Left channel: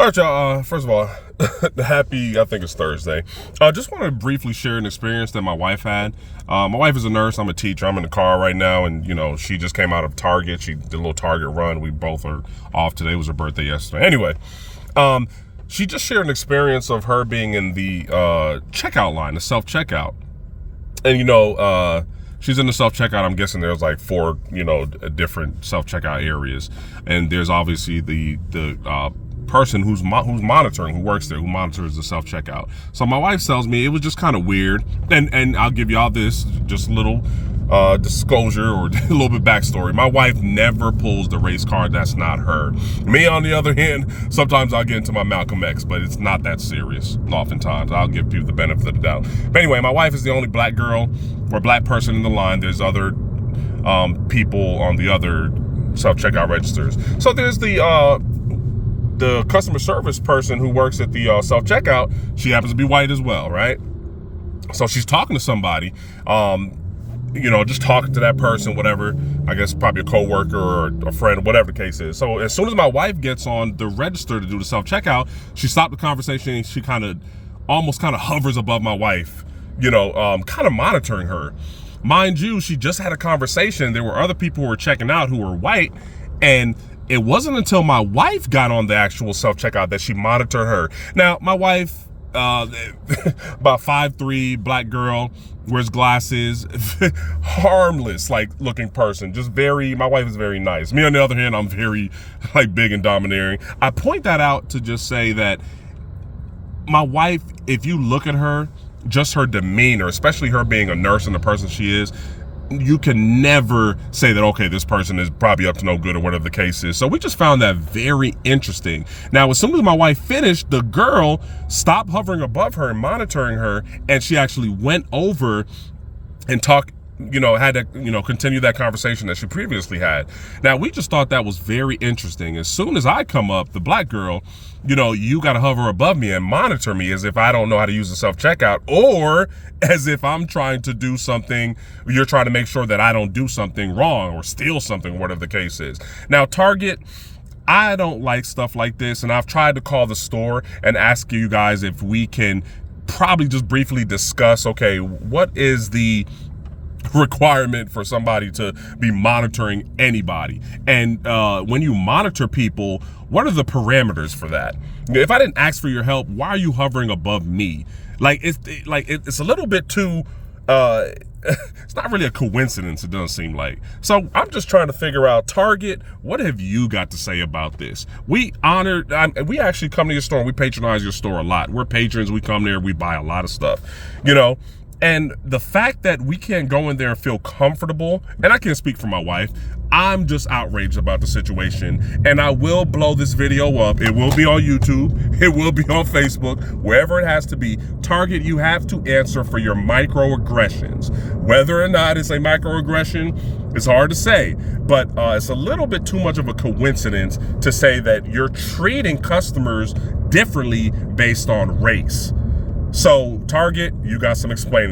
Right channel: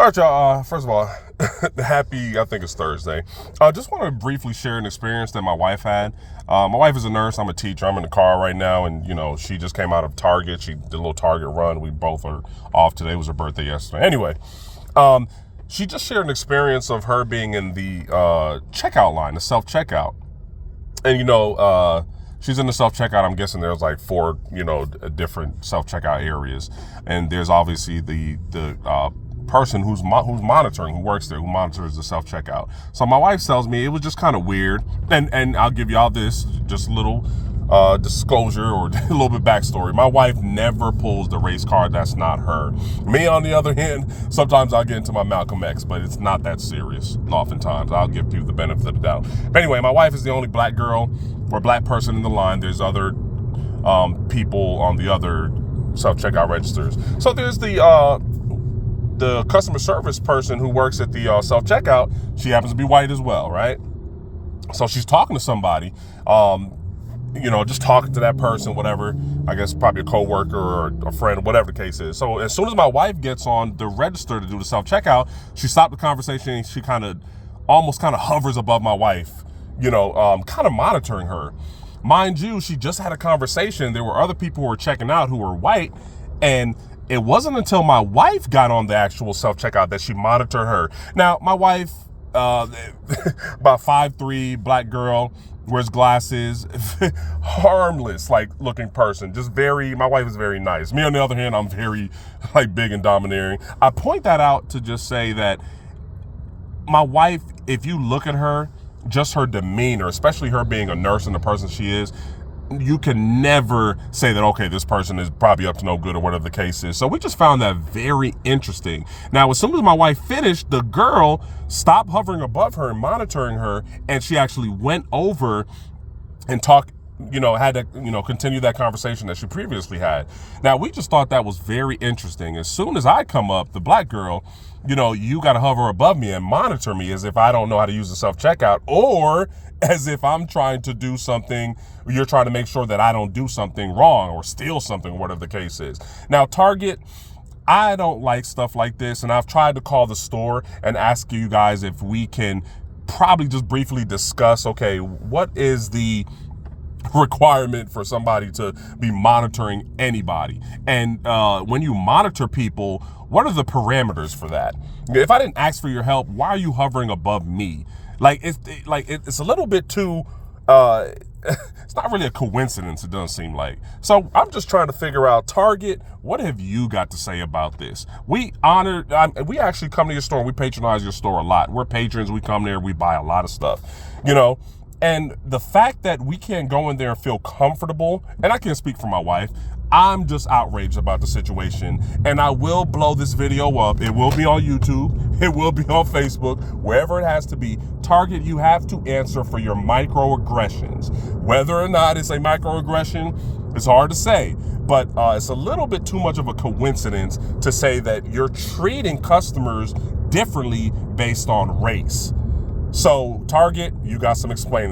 All right, y'all. First of all, happy, I think it's Thursday. I just want to briefly share an experience that my wife had. My wife is a nurse. I'm a teacher. I'm in the car right now, and, she just came out of Target. She did a little Target run. We both are off today. It was her birthday yesterday. Anyway, she just shared an experience of her being in the checkout line, the self-checkout. And, she's in the self-checkout. I'm guessing there's like 4, different self-checkout areas. And there's obviously the person who's monitoring, who works there, who monitors the self-checkout. So my wife tells me it was just kind of weird. And I'll give y'all this, just a little disclosure or a little bit backstory. My wife never pulls the race card. That's not her. Me, on the other hand, sometimes I'll get into my Malcolm X, but it's not that serious. Oftentimes, I'll give people the benefit of the doubt. But anyway, my wife is the only black girl or black person in the line. There's other people on the other self-checkout registers. So there's the customer service person who works at the self-checkout. She happens to be white as well, right? So she's talking to somebody, just talking to that person, whatever, I guess probably a coworker or a friend, whatever the case is. So as soon as my wife gets on the register to do the self-checkout, she stopped the conversation and she almost hovers above my wife, kind of monitoring her. Mind you, she just had a conversation. There were other people who were checking out who were white, and it wasn't until my wife got on the actual self-checkout that she monitored her. Now, my wife, about 5'3", black girl, wears glasses, harmless, looking person. My wife is very nice. Me, on the other hand, I'm very, big and domineering. I point that out to just say that my wife, if you look at her, just her demeanor, especially her being a nurse and the person she is, you can never say that, okay, this person is probably up to no good or whatever the case is. So we just found that very interesting. Now, as soon as my wife finished, the girl stopped hovering above her and monitoring her, and she actually went over and talked, had to, continue that conversation that she previously had. Now, we just thought that was very interesting. As soon as I come up, the black girl, you got to hover above me and monitor me as if I don't know how to use the self-checkout, or as if I'm trying to do something, you're trying to make sure that I don't do something wrong or steal something, whatever the case is. Now, Target, I don't like stuff like this, and I've tried to call the store and ask you guys if we can probably just briefly discuss, okay, what is the requirement for somebody to be monitoring anybody? And when you monitor people, what are the parameters for that? If I didn't ask for your help, why are you hovering above me? It's a little bit too, it's not really a coincidence, it doesn't seem like. So I'm just trying to figure out, Target, what have you got to say about this? We actually come to your store, we patronize your store a lot. We're patrons, we come there, we buy a lot of stuff, And the fact that we can't go in there and feel comfortable, and I can't speak for my wife, I'm just outraged about the situation. And I will blow this video up. It will be on YouTube. It will be on Facebook, wherever it has to be. Target, you have to answer for your microaggressions. Whether or not it's a microaggression, it's hard to say. But it's a little bit too much of a coincidence to say that you're treating customers differently based on race. So, Target, you got some explaining.